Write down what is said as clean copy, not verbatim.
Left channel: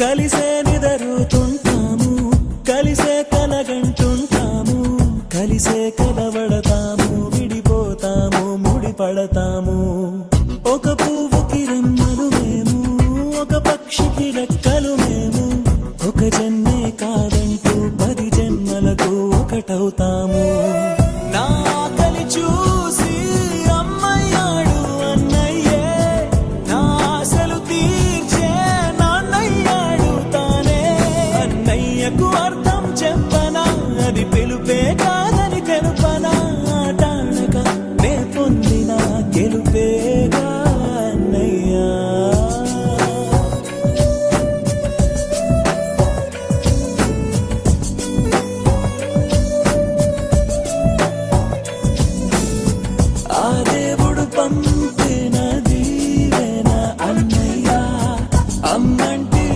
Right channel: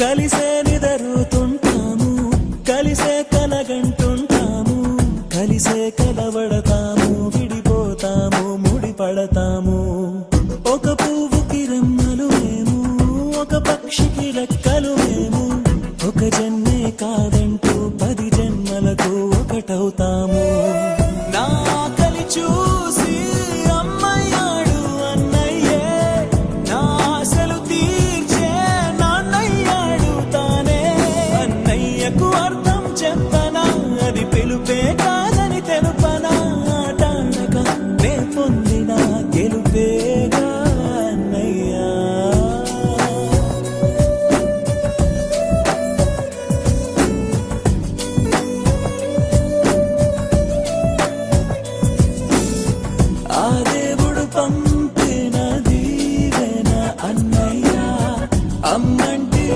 కలిసే నిదరుతుంటాము, కలిసే కలగంటుంటాము, కలిసే కలవడతాము, విడిపోతాము, ముడిపడతాము. ఒక పువ్వుకి రెమ్మలు మేము, ఒక పక్షికి రెక్కలు మేము, ఒక జన్మే కాదంటూ 10 జన్మలకు ఒకటవుతాము. నా కలి చూసి అమ్మయ్యాడు అన్నయ్యే, నా ఆశలు తీర్చే నాన్నయ్యాడు తానే. అన్నయ్యకు అర్థం చెప్పనా, అది పిలుపే